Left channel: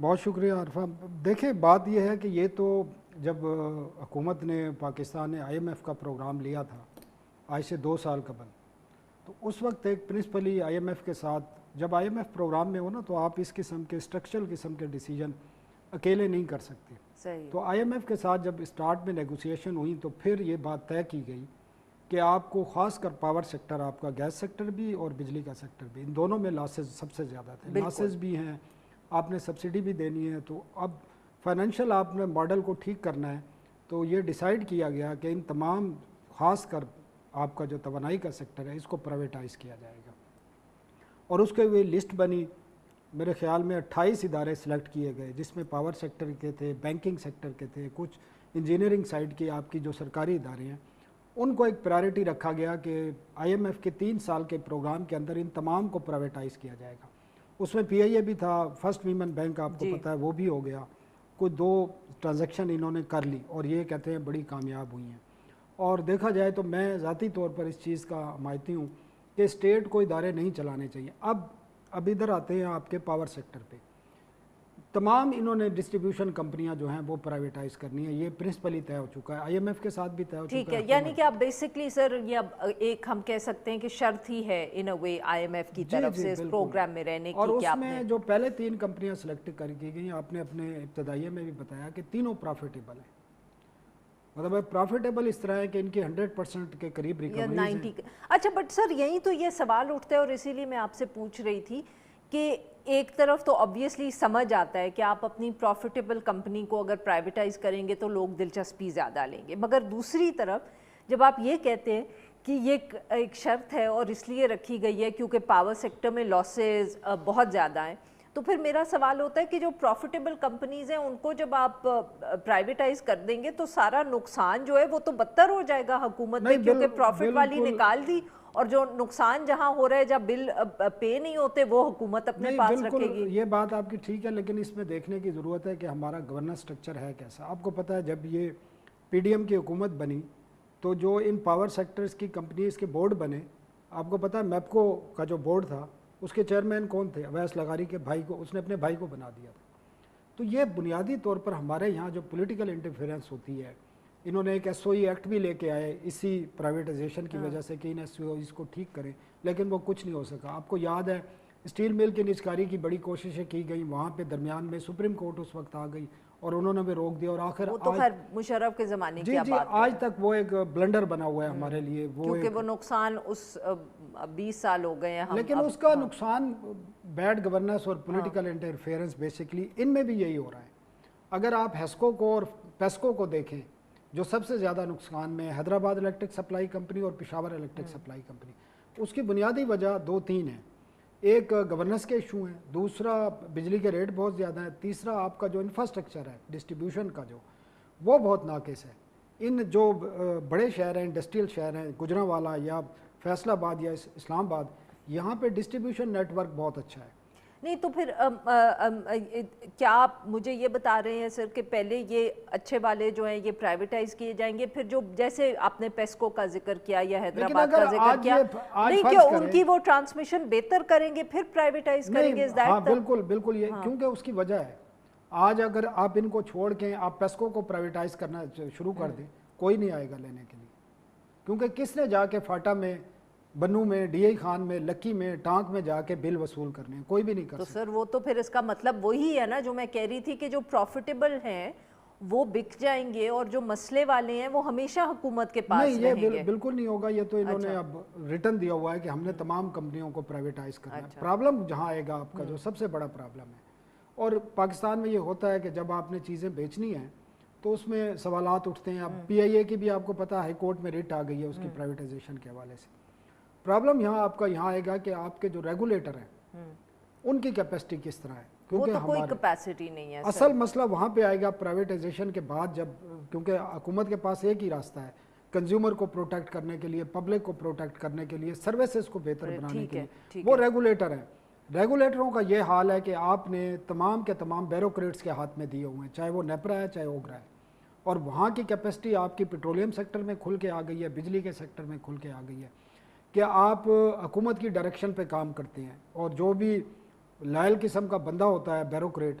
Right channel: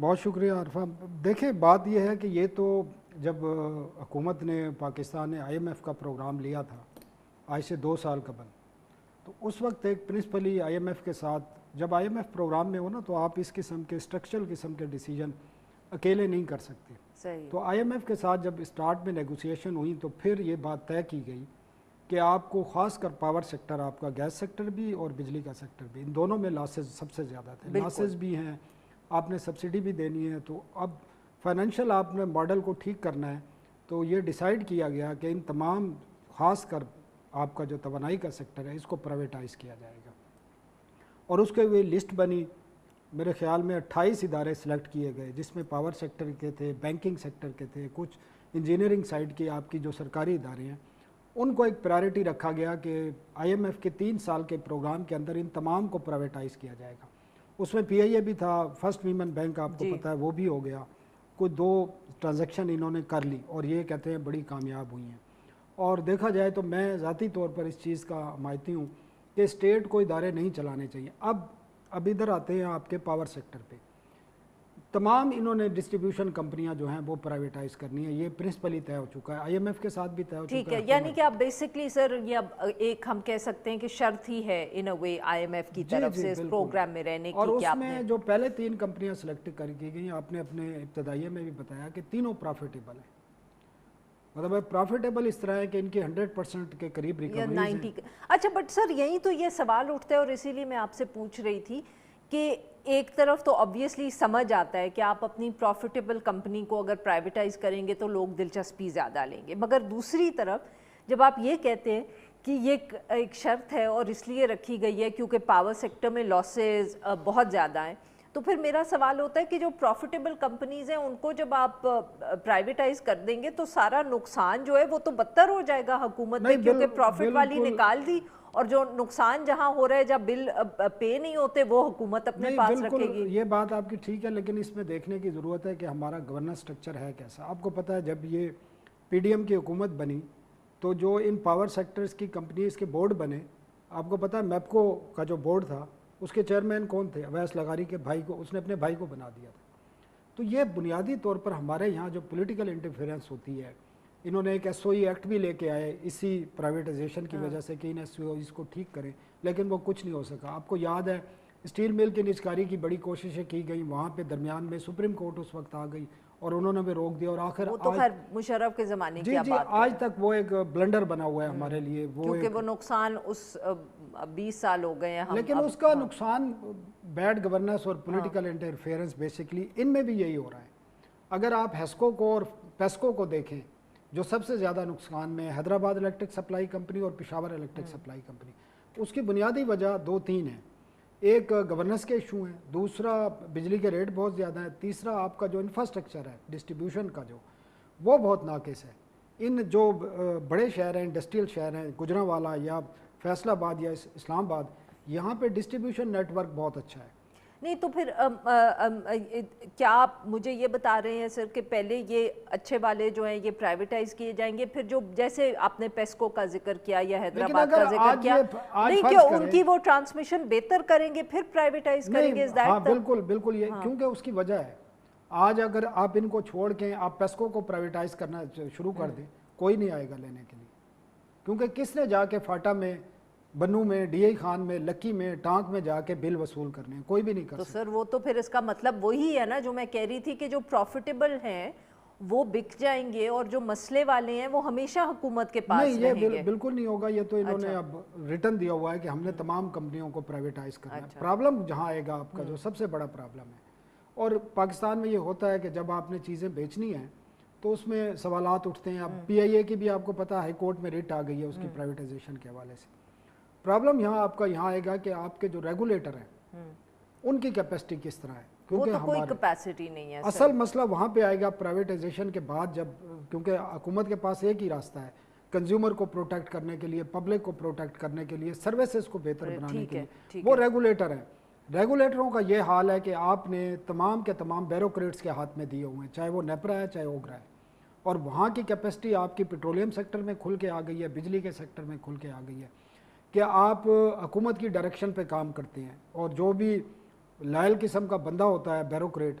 بہت شکریہ عرفہ. دیکھیں بات یہ ہے کہ یہ تو جب حکومت نے پاکستان نے IMF کا پروگرام لیا تھا آج سے 2 سال قبل، تو اس وقت ایک پرنسپلی IMF کے ساتھ جب IMF پروگرام میں ہو نا تو آپ اس قسم کے اسٹرکچرل قسم کے ڈیسیجن اکیلے نہیں کر سکتے. صحیح. تو IMF کے ساتھ جب اسٹارٹ میں نیگوسیشن ہوئی تو پھر یہ بات طے کی گئی کہ آپ کو خاص کر پاور سیکٹر، آپ کا گیس سیکٹر بھی اور بجلی کا سیکٹر بھی، ان دونوں میں لاسز سب سے زیادہ تھے. لاسز بھی ہیں، آپ نے سبسڈی بھی دینی ہے، تو اب فائنینشیل آپ نے ماڈل کو ٹھیک کرنا ہے. تو یہ ڈیسائیڈ کیا گیا کہ ان تمام خاص کر آپ کا جو توانائی کا سیکٹر ہے اس کو پرائیویٹائز کیا جائے گا. اور اس کے لیے لسٹ بنی، میرے خیال میں 28 ادارے سلیکٹ کیے گئے جس میں پاور سیکٹر کے تھے، بینکنگ سیکٹر کے تھے، کچھ انجینئرنگ سائڈ کے آپ کی جو سرکاری ادارے ہیں ان کو ایک پرائرٹی رکھا گیا کہ IMF کے 3 سال کے پروگرام کے اندر ان تمام کو پرائیویٹائز کیا جائے گا. اس میں PIA بھی تھا، فرسٹ ویمن بینک آپ کو پتہ ہے وہ بھی ہو گیا. کوئی 2 ٹرانزیکشن انہوں نے کر لی اور یہ کہتے ہیں بڑی کامیاب ہوئی ہیں. اور دیکھا جائے تو میں ذاتی طور پر اس چیز کا حمایتی ہوں کہ اسٹیٹ کو ادارے نہیں چلانے چاہیے. اب ادھر آتے ہیں آپ کے پاور سیکٹر پہ. تمام انہوں نے ڈسٹریبیوشن کمپنیاں جو ہیں وہ پرائیویٹائز کرنی ہے، یہ پرنسپلی طے ہو چکا ہے. IMF کے ساتھ بھی طے ہو چکا ہے. ٹھیک ہے، یعنی کہ آپ بیسکلی سر یہ ایک ہم کہہ سکتے ہیں کہ شرط ہی ہے ان اے وے IMF کی طرف سے اس پروگرام میں رہنے کی. اور اس میں جو پہلے 3 کمپنیاں سلیکٹ کر کی گئی، آپ نے اپنے ابتدائیے میں بھی بتایا کہ تینوں پروفیٹیبل ہیں. مطلب پروفیٹیبل اس طرح ہے کہ ان کی 100% کے قریب ریکوریز ہیں. اچھا بٹ سر یہی تو یہ سوال اٹھتا ہے اور اسی لیے میں آپ سے پوچھ رہی تھی کہ ایک طرف تو obviously سمجھ آتا ہے کہ آپ اپنی پروفیٹیبل کمپنی کو اگر پرائیویٹائز کریں گے تو لوگ دلچسپی زیادہ لیں گے، مگر دوسری طرف جب آپ یہ کہتے ہیں کہ یہ ایک شرط ہے اور اس لیے رکھی گئی ہے کیونکہ پاور سیکٹر میں لاسز بہت زیادہ ہیں، تو پھر میرا سوال ہوتا ہے کہ جو پروفیٹیبل کمپنیز ہیں ان کو جب آپ پرائیویٹائز کر دیں گے تو سارا نقصان جو ہے وہ تو بدتر ہو جائے گا حکومت میں، کیونکہ پروفٹ والی نکال دی اور جو نقصان جہاں ہو رہا ہے جب بل پے نہیں ہوتے وہ حکومت اپنے پاس رکھے گی. یہ بات آپ کی ٹھیک ہے، لیکن اس میں دیکھنے کی ضرورت ہے کہ ہمارا گورننس سٹرکچر ہے کیسا. آپ کو پتہ ہے جب یہ PDM کی حکومت بنی تو جو ان پاور سیکٹرز کی کمپنیز کے بورڈ بنے، آپ کو پتہ ہے میپکو کا جو بورڈ تھا اس کے چیئرمین کون تھے؟ اویس لغاری کے بھائی کو، اس نے اپنے بھائی کو بنا دیا تھا. تو یہ بنیادی طور پر ہمارے یہاں جو پولیٹیکل انٹرفیئرنس ہوتی ہے، انہوں نے ایک SOE ایکٹ بھی لے کے آئے اسی پرائیویٹائزیشن کی وجہ سے کہ ان SOEs کو ٹھیک کریں، لیکن وہ کچھ نہیں ہو سکا. آپ کو یاد ہے اسٹیل مل کی نجکاری کی بڑی کوششیں کی گئی، وہاں پہ درمیان میں سپریم کورٹ اس وقت آ گئی اور انہوں نے بھی روک دیا. اور آخر وہ تو خیر مشرف کے زمانے کی بات ہے، آج تک وہ ایک بلنڈر بنا ہوا ہے ہمارے لیے. کیونکہ وہ نقصان اس 20 سال ہو گئے ہیں لیکن اس کا نقصان بیڈ گورننس اور پولیٹیکل انٹرفیئرنس بیسکلی ان میں بھی یہی ہو رہا ہے. اگر آپ ہیسکو کو اور پیسکو کو دیکھیں جو سب سے زیادہ نقصان میں، حیدرآباد الیکٹرک سپلائی کمپنی اور پشاور الیکٹرک سپلائی کمپنی، اس کی بنیادی وجہ 2-3 ہیں. ایک گورننس کے ایشو ہیں، دوسرا بجلی کے ریٹ بہت زیادہ ہیں، تیسرا آپ کا جو انفراسٹرکچر ہے ڈسٹریبیوشن کا جو وہ بہت ناقص ہے. ان جو بڑے شہر ہیں، انڈسٹریل شہر ہیں، گجرانوالا یا فیصل آباد یا اسلام آباد، یہاں پہ ڈسٹریبیوشن نیٹ ورک بہت اچھا ہے. نہیں تو پھر کیا آپ مجھے یہ بتا رہے ہیں سر کہ پہلے یہ اچھے والے جو ہیں یہ پرائیویٹائز کیے جائیں گے، پھر جو جیسے آپ نے پیسکو کا ذکر کیا یا حیدرآباد کا ذکر کیا، نہیں کہ ان کی وہ ٹرانسمیشن بہتر کریں گے پھر پرائیویٹائز کریں گے؟ ہاں بالکل یہ کیونکہ اس کی وجہ ہے. آج اگر آپ ان کو چھوڑ کے آپ پیسکو کو پرائیویٹائز کرنا شروع کر دیں، کوئی نہیں آئے گا لینے کے لیے. کیونکہ کس نے جا کے فاٹا میں، بنو میں، DI خان میں، لکی میں، ٹانک میں جا کے بل وصول کرنے ہیں؟ کوئی بھی نہیں کر سکتا. تو سر وہ تو پھر اس کا مطلب وہی ہے نا جو میں کہہ رہی تھی کہ جو پروفیٹیبل ہیں وہ بک جائیں گے اور جو مسئلے والے ہیں وہ ہمیشہ حکومت کے پاس رہیں گے. یہ بالکل نہیں ہوگا. یہ تو انہوں نے اب ریٹن دیا ہوا ہے کہ ہم نے تمام کمپنیوں کو پرائیویٹائز کرنا ہے. پرابلم جہاں آئے گا آپ کا جو سب سے بڑا پرابلم ہے، اور پاکستان میں یہ ہوتا ہے کہ جب آپ نے چیزیں بیچنی ہیں تو اس میں سوالات اٹھتے ہیں. اب PIA کی بھی آپ کو پتا ہائی کورٹ میں ریٹ آ گئی ہے اس کی پرائیویٹائزیشن کے حوالے سے. پرابلم یہاں آپ کا یہاں آئے گا کہ آپ کے جو ریگولیٹر ہیں ان کی کیپیسٹی کس طرح ہے، کیونکہ کوئی کیپیسٹی نہیں ہے. اصل مسئلہ وہاں پہ آئے گا پرائیویٹائزیشن کے بعد، جب کیونکہ حکومت کے پاس ایک ہی راستہ ہے کنزیومر کو پروٹیکٹ کرنے کے لیے، پبلک کو پروٹیکٹ کرنے کے لیے، سروسز کو بہتر بنانے کے لیے، وہ ریگولیٹر ہیں. ریگولیٹروں کا یہ حال ہے کہ آپ نے تمام کے تمام بیوروکریٹس کے ہاتھ میں دیے ہوئے ہیں، چاہے وہ نیپرا ہے چاہے اوگرا ہے. اور وہاں کی کیپیسٹی آپ کی پیٹرولیم سیکٹر میں کھل کے آ گئی ہے، بجلی کے سیکٹر میں کھل کے آ گئی ہے کہ آپ حکومت کی ڈائریکشن پہ کام کرتے ہیں، اور جو بھی لائل قسم کا بندہ ہوتا ہے بیوروکریٹ